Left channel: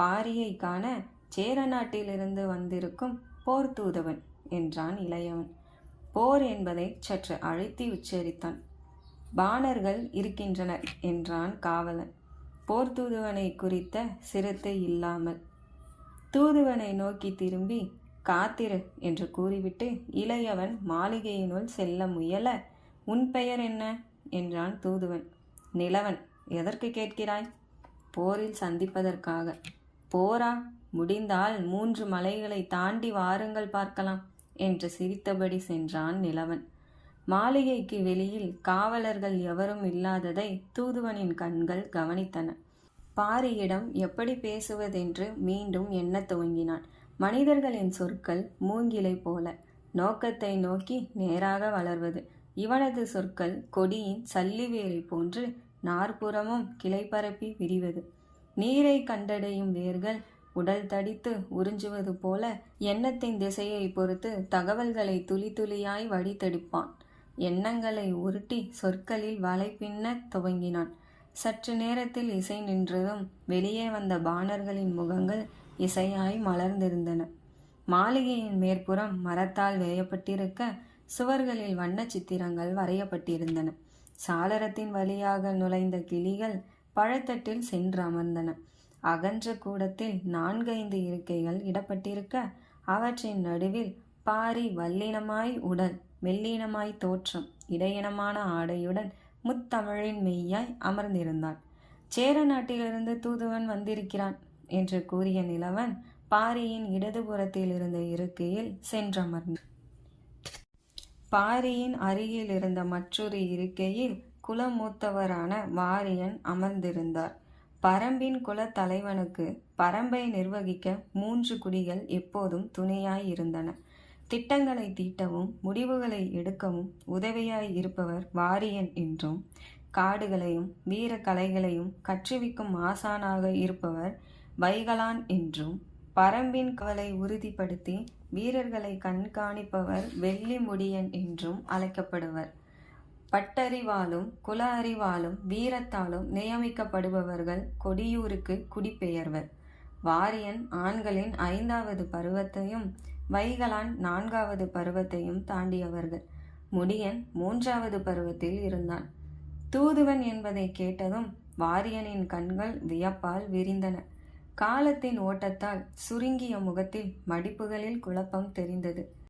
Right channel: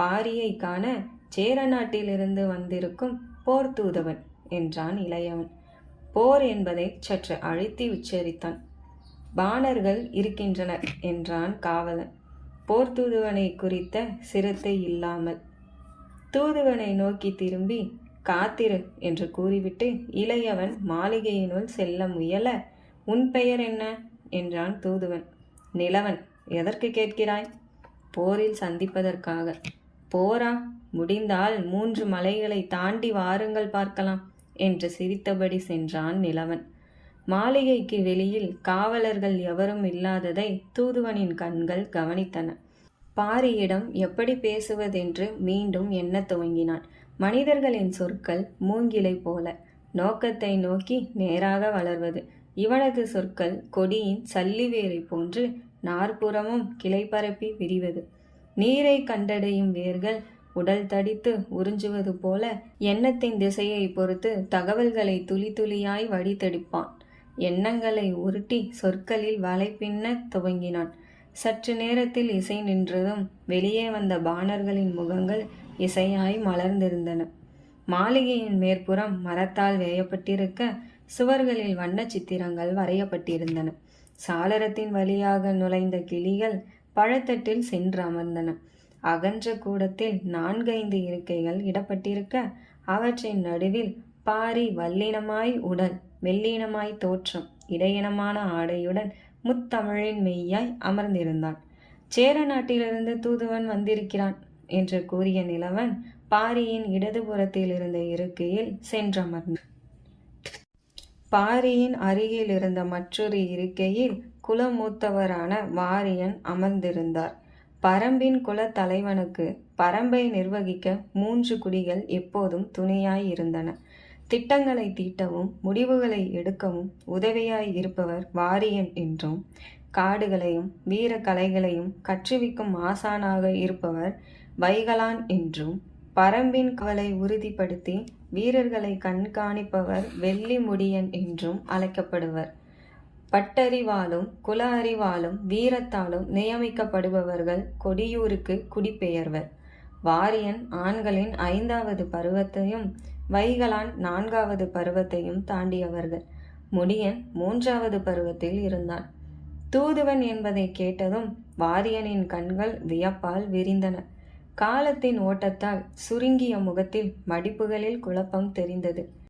பாரியை காண சேர நாட்டிலிருந்து வந்திருக்கும் போர் தூதுவன் என்றான் இளையவன். போர் என்பதை சற்று அழுத்தி உச்சரித்தான். பாணர்கள் இருக்கின்றனர் என்றான் காவலன், போர் தூதுவனை குறித்த சிரத்தை இல்லாமல். தூதுவனை நோக்கி திரும்பி காத்திரு என்று கூறிவிட்டு இளையவன் மாளிகையினுள் செல்ல முயல, உன் பெயர் என்ன என்றான் தூதுவன். நிலவன். எதற்கு கேட்கிறாய்? போரில் சந்திப்பதற்காக. போரா? முடிந்தால் 3 மலைகளை தாண்டி வாருங்கள் பார்க்கலாம் என்று சிரித்தபடி சென்றான் நிலவன். மாளிகைக்கு வெளியில் காவலர்கள் எவரும் இல்லாததை தூதுவனின் கண்கள் கவனித்தன. பாரியிடம் எப்படி பேசுவதென்று மீண்டும் எண்ணத் துவங்கினான். மனிதர்களின் சொற்கள் மூங்கிலை போல நோக்கத்தை நோக்கி நேராக வளர்வது. இவனது சொற்கள் கொடியின் சல்லிவேரை போன்று நாற்புறமும் கிளை பரப்பி விரிவது. நீரை கண்டடையும் வேர்கள் உடல் தடித்து உறிஞ்சுவது போல எண்ணத்தின் திசையை பொறுத்து தகவல்களை துளி துளியாய் வடித்தெடுப்பான். எண்ணங்களை உருட்டி சொற்களில் வலை பின்ன துவங்கினான். சற்று நேரத்தில் இசை நின்றதும் வெளியே வந்த பாணர்களின் முகங்கள் இசையாய் மலர்ந்திருந்தன. மாளிகையின் மேற்புறம் மரத்தால் வேயப்பட்டிருக்க சுவர்களில் வண்ண சித்திரங்கள் வரையப்பட்டிருந்தன. சாளரத்தின் வழியாக நுழைந்த கிளிகள் பழத்தட்டில் சென்று அமர்ந்தன. அகன்ற கூடத்தில் 4-5 இருக்கைகள் இடப்பட்டிருக்க அவற்றின் நடுவில் பாரி வல்லினமாய் உடல், மெல்லினமாய் தோற்றம், இடையினமான ஆடையுடன் முத்தமிழின் மெய்யாய் அமர்ந்திருந்தான். சேர நாட்டிலிருந்து தூதுவன் வந்திருக்கிறான் என்று கூறிய நிலவன் பாரியின் இடதுபுறத்தில் இருந்த இருக்கையில் சென்றமர்ந்தான். பாரியின் அருகில் இருந்த மற்றொரு இருக்கையில் குலமூத்தவரான வாரியன் அமர்ந்திருந்தார். பரம்பின் குல தலைவனுக்கு பரம்பை நிர்வகிக்க 3 குடிகள் எப்போதும் துணையாய் இருந்தன. திட்டங்களை தீட்டவும் முடிவுகளை எடுக்கவும் உதவியாய் இருப்பவர் வாரியன் என்றும், காடுகளையும் வீர கலைகளையும் கற்றுவிக்கும் ஆசானாக இருப்பவர் வைகலான் என்றும், பரம்பின் காவலை உறுதிப்படுத்தி வீரர்களை கண்காணிப்பவர் வெள்ளி முடியன் என்றும் அழைக்கப்படுவர். பட்டறிவாலும் குல அறிவாலும் வீரத்தாலும் நியமிக்கப்படுபவர்கள் கொடியூருக்கு குடிபெயர்வர். வாரியன் ஆண்களின் 5வது பருவத்தையும் வைகலான் 4வது பருவத்தையும் தாண்டியவர்கள். முடியன் 3வது பருவத்தில் இருந்தான். தூதுவன் என்பதை கேட்டதும் வாரியனின் கண்கள் வியப்பால் விரிந்தன. காலத்தின் ஓட்டத்தால் சுருங்கிய முகத்தில் மடிப்புகளில் குழப்பம் தெரிந்தது.